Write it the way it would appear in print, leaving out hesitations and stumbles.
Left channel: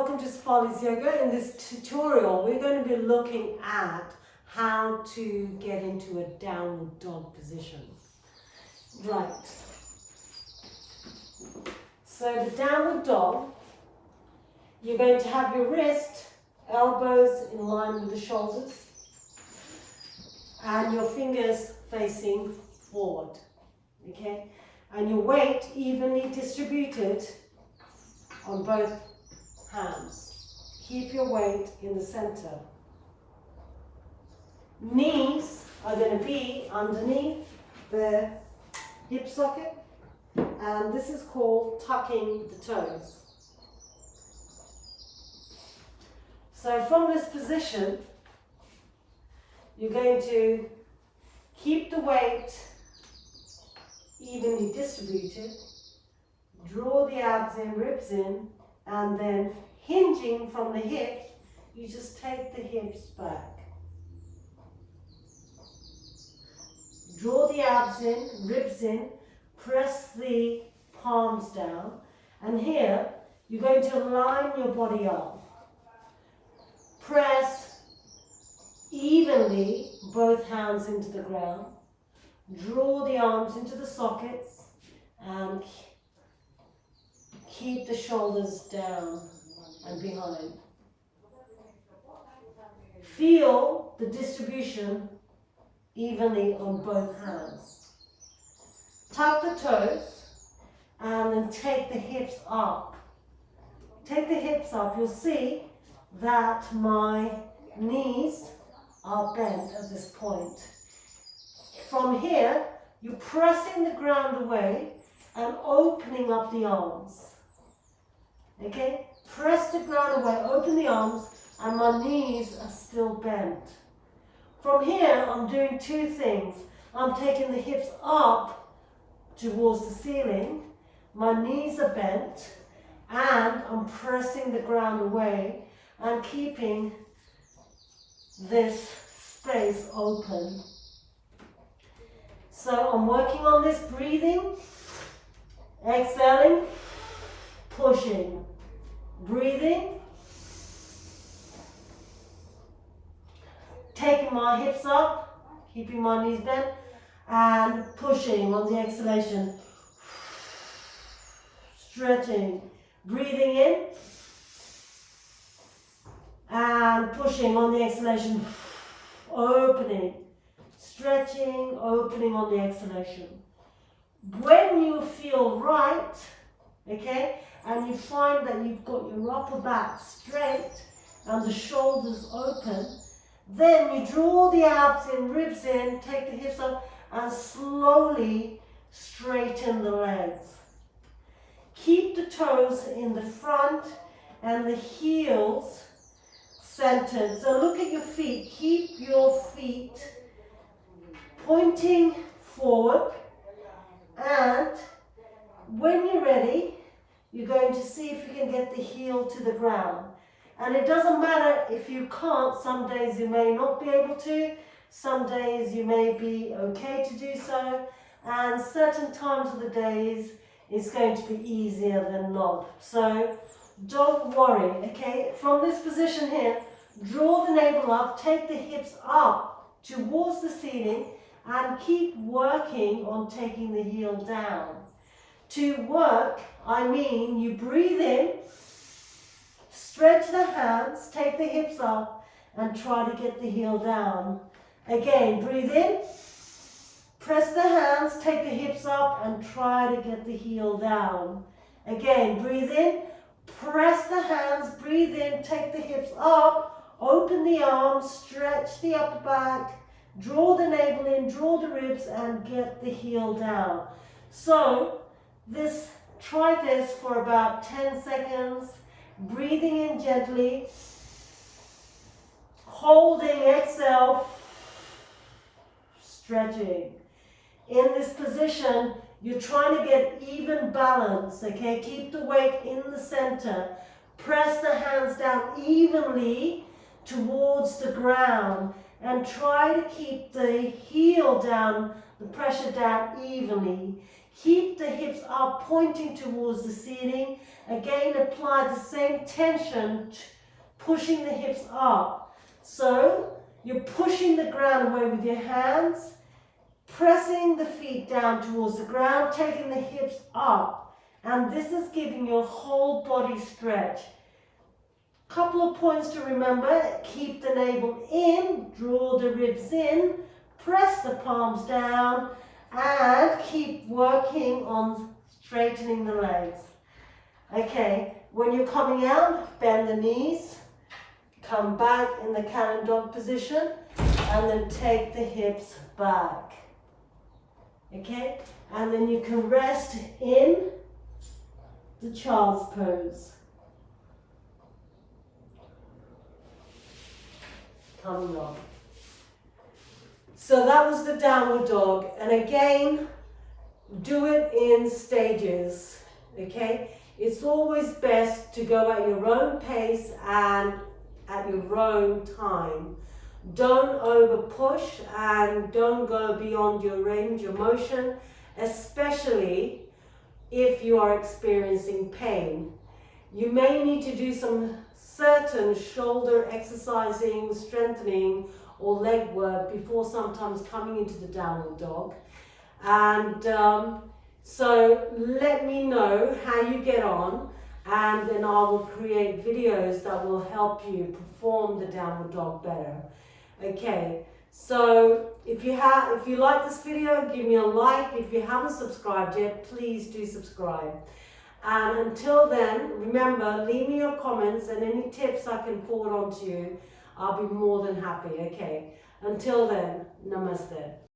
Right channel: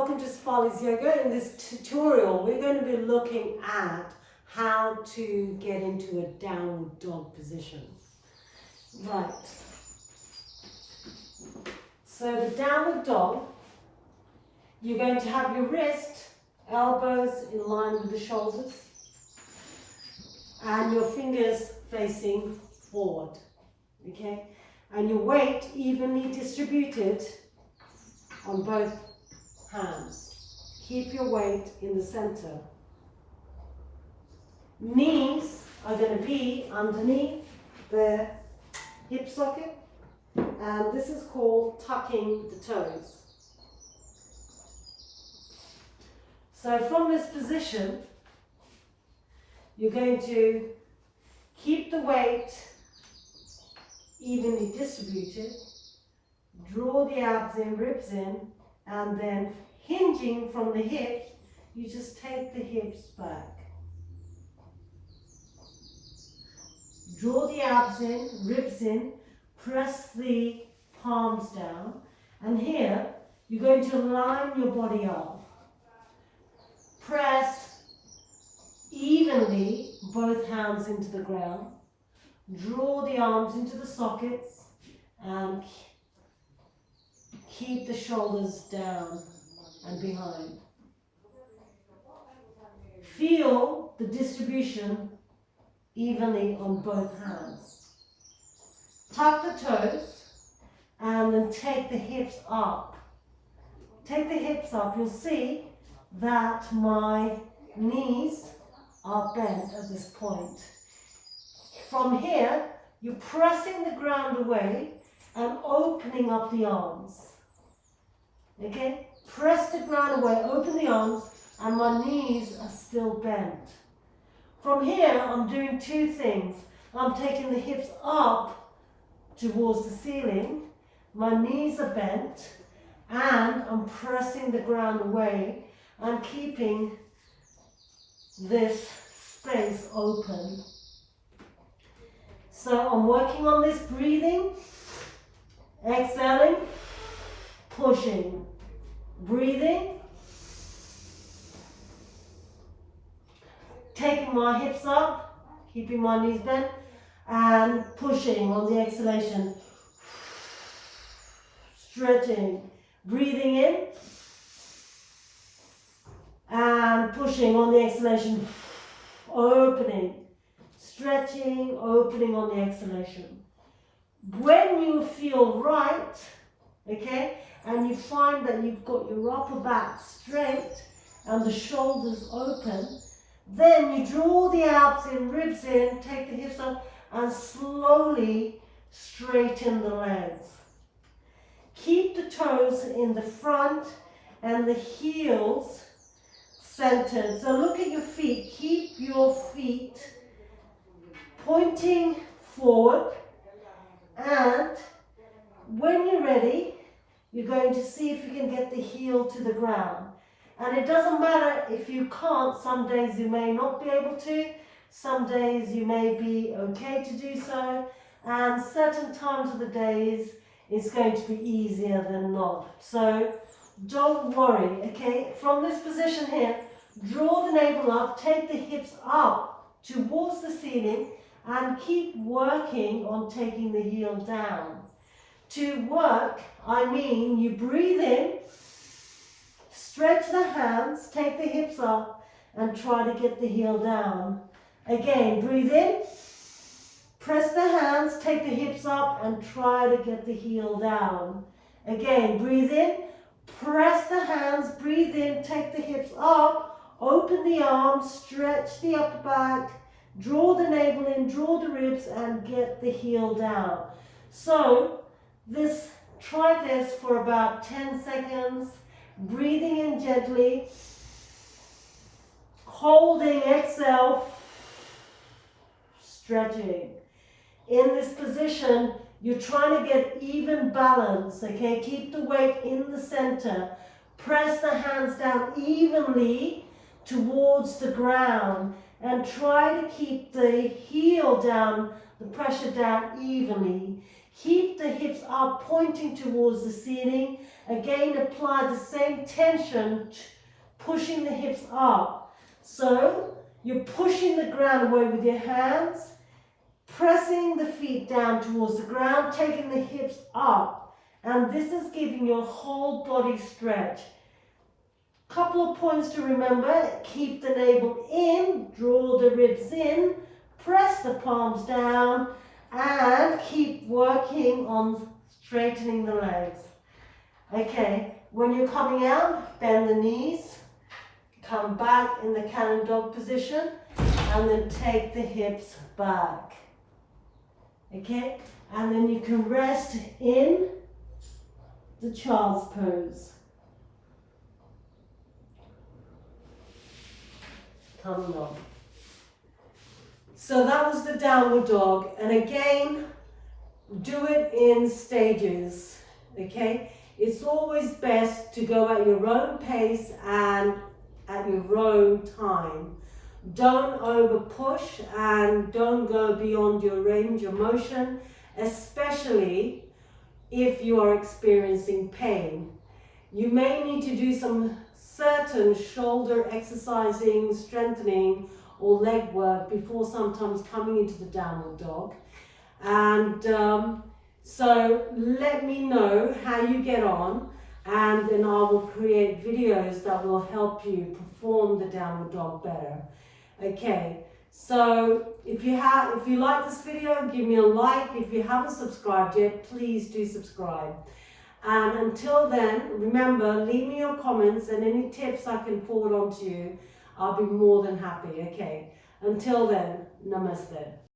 Welcome to Sefali's Yoga. In this tutorial, we're going to be looking at how to get into a downward dog position. Right. So the downward dog, you're going to have your wrist, elbows in line with the shoulders, and your fingers facing forward. Okay? And your weight evenly distributed on both hands. Keep your weight in the center. Knees are going to be underneath the hip socket, and this is called tucking the toes. So from this position, you're going to keep the weight evenly distributed, draw the abs in, ribs in, and then hinging from the hips, you just take the hips back. Draw the abs in, ribs in, press the palms down, and here you're going to line your body up. Press evenly both hands into the ground. Draw the arms into the sockets and keep the shoulders down and behind. Feel the distribution evenly on both hands. Tuck the toes and then take the hips up. Take the hips up. You'll see that my knees are bent at this point. From here, you're pressing the ground away and opening up the arms. Okay? Press the ground away, open the arms, and my knees are still bent. From here, I'm doing two things. I'm taking the hips up towards the ceiling, my knees are bent, and I'm pressing the ground away and keeping this space open. So I'm working on this breathing, exhaling, pushing, breathing, taking my hips up, keeping my knees bent, and pushing on the exhalation, stretching, breathing in, and pushing on the exhalation, opening, stretching, opening on the exhalation. When you feel right, okay, and you find that you've got your upper back straight and the shoulders open, then you draw the abs in, ribs in, take the hips up, and slowly straighten the legs. Keep the toes in the front and the heels centered. So look at your feet. Keep your feet pointing forward, and when you're ready, you're going to see if you can get the heel to the ground. And it doesn't matter if you can't. Some days you may not be able to. Some days you may be okay to do so. And certain times of the days it's going to be easier than not. So don't worry, okay? From this position here, draw the navel up, take the hips up towards the ceiling, and keep working on taking the heel down. To work, I mean you breathe in, stretch the hands, take the hips up, and try to get the heel down. Again, breathe in, press the hands, take the hips up, and try to get the heel down. Again, breathe in, press the hands, breathe in, take the hips up, open the arms, stretch the upper back, draw the navel in, draw the ribs, and get the heel down. So, try this for about 10 seconds, breathing in gently, holding, exhale, stretching. In this position, you're trying to get even balance, okay? Keep the weight in the center. Press the hands down evenly towards the ground and try to keep the heel down, the pressure down evenly. Keep the hips up, pointing towards the ceiling. Again, apply the same tension, pushing the hips up. So you're pushing the ground away with your hands, pressing the feet down towards the ground, taking the hips up. And this is giving your whole body stretch. Couple of points to remember: keep the navel in, draw the ribs in, press the palms down, and keep working on straightening the legs. Okay, when you're coming out, bend the knees, come back in the cat and dog position, and then take the hips back. Okay, and then you can rest in the child's pose. Coming on. So that was the downward dog, and again, do it in stages, okay? It's always best to go at your own pace and at your own time. Don't over push and don't go beyond your range of motion, especially if you are experiencing pain. You may need to do some certain shoulder exercising, strengthening, or leg work before sometimes coming into the downward dog. And so let me know how you get on, and then I will create videos that will help you perform the downward dog better. Okay, so if you like this video, give me a like. If you haven't subscribed yet, please do subscribe. And until then, remember, leave me your comments and any tips I can forward on to you. I'll be more than happy, okay? Until then, namaste.